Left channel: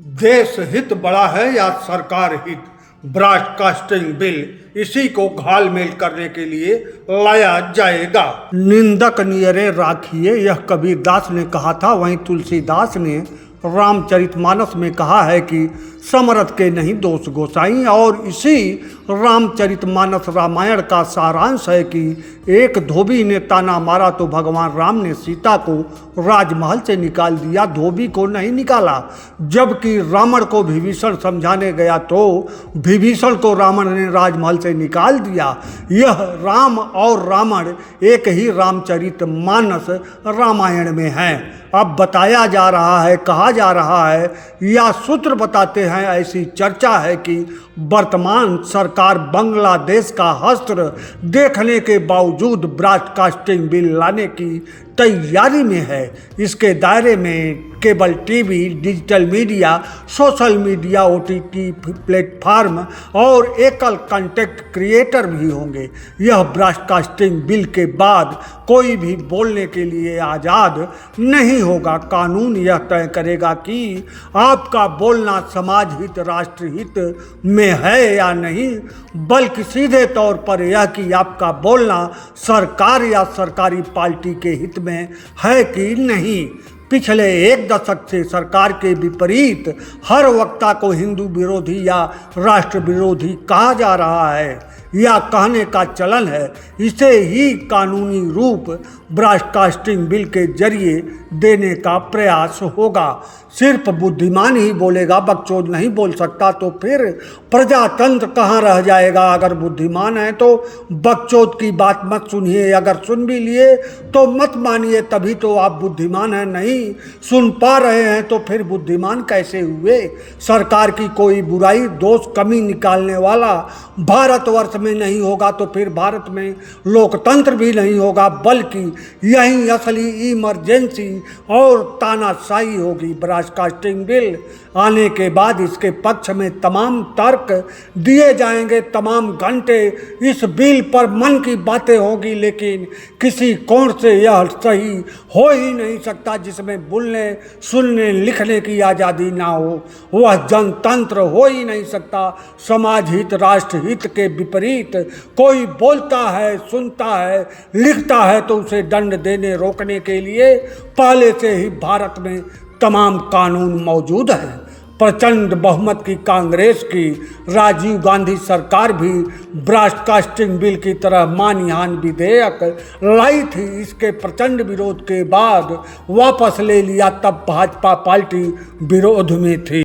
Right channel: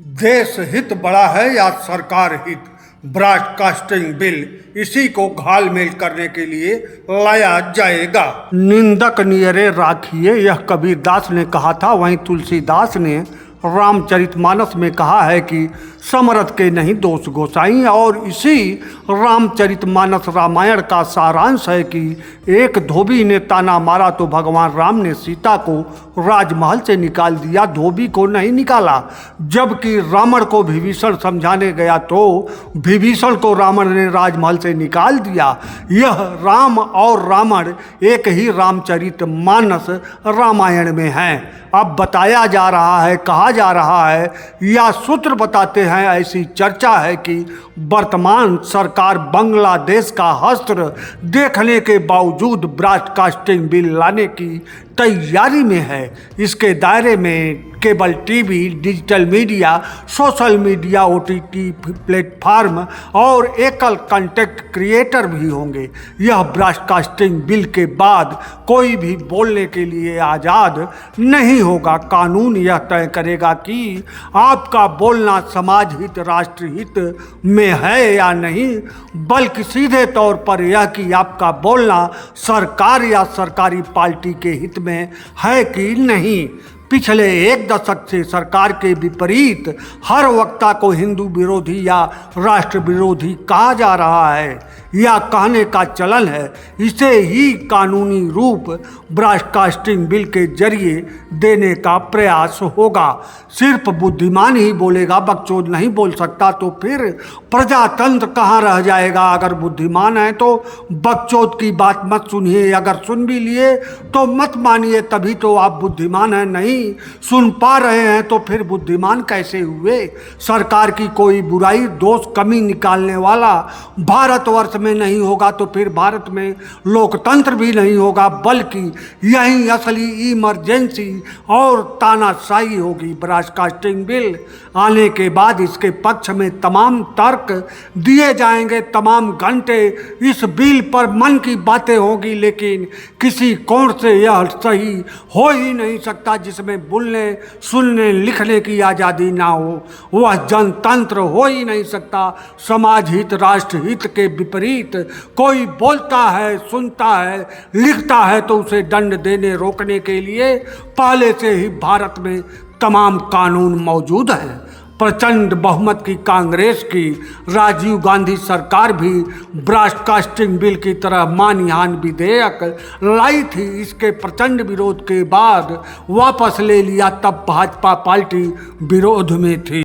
देश हित बड़ा है या सरकार हित? ब्रॉडकास्टिंग बिल इसी को घालमेल करने के लिए लाया जाएगा। निंदक नियरे राखिए, यह कबीरदास ने कहा था। वहीं तुलसीदास ने रामचरितमानस में कहा है कि समरथ के नहीं दोष गोसाई। और इसी रामचरितमानस रामायण का सारांश है कि एक धोबी ने ताना मारा तो भगवान राम ने सीता को राजमहल से निकाल दिया, धोबी को नहीं निकाला। जबकि रावण को विभीषण समझाने गया तो विभीषण को रावण ने राजमहल से निकाल दिया। यह राम और रावण एक ही रामचरितमानस रामायण में है। अब बताया जा रहा है, कहा जा रहा है या सूत्र बताते हैं, ऐसी चर्चा है कि वर्तमान सरकार बांग्लादेश का हस्त्र देखने के बावजूद ब्रॉडकास्टिंग बिल लाने की तैयारी में है। इसके दायरे में cable TV, digital media, social media, OTT platform और एकल कंटेंट क्रिएटर भी होंगे। यह ब्रॉडकास्टिंग बिल के बाद कोई भी बोलने के लिए आज़ाद नहीं होगा। कानून यह तय करेगा कि आपका बोलना समाज हित, राष्ट्र हित में है या नहीं, बल्कि सीधे तौर पर यह कि आपका बोलना सरकार या सरकारी पार्टी के हित में है कि नहीं। पिछले एक दशक से सरकार के विपरीत हर वक्ता को हिंदू विरोधी या राष्ट्र विरोधी कहा जा रहा है या कहने का चलन है। इसे ही कानूनी रूप ब्रॉडकास्टिंग बिल के जरिए देने का प्रयास होगा। सिर्फ बुद्धिमान ही बोलेगा, बकचोद नहीं बोल सकता, तो फिर प्रजातंत्र कहाँ रह जाएगा। अगर बुद्धिमान है तो बकचोद की बात मत सुनिए, अगर सुन भी लिए तो मत मानिए, तभी तो आप बुद्धिमान हैं। नहीं सुन पा रहे हैं तो फिर बुद्धिमान कैसे हुए। सरकार की कोई बुराई, दोष, कमी निकालने वाला भारतवर्ष में नहीं होगा तो फिर भारत में लोकतंत्र भी नहीं होगा, बल्कि यही असली इमरजेंसी और तानाशाही होगी। ब्रॉडकास्टिंग बिल आने के बाद इसके पक्ष में तमाम तर्क दिए जाएंगे, तमाम घंटे इस बिल पर मन की बातें होगी, लेकिन किसी कोण से यह सही हो ही नहीं सकता जिसमें बोलने, सुनने, लिखने की आज़ादी ना हो। वह जनतंत्र हो ही नहीं सकता। समाज हित, राष्ट्र हित के विपरीत कोई बोलता है, सुनता है, लिखता है तो उसे दंड देने, रोकने के लिए पहले से ही भारत में तमाम कानून मौजूद हैं। प्रचंड बहुमत की कांग्रेस की राजीव गांधी सरकार भी ब्रॉडकास्टिंग बिल की तरह मानहानि विधेयक लाई थी। इसके प्रचंड विरोध के बाद वापस ले लिया, तब भाजपा पार्टी विरोध में थी।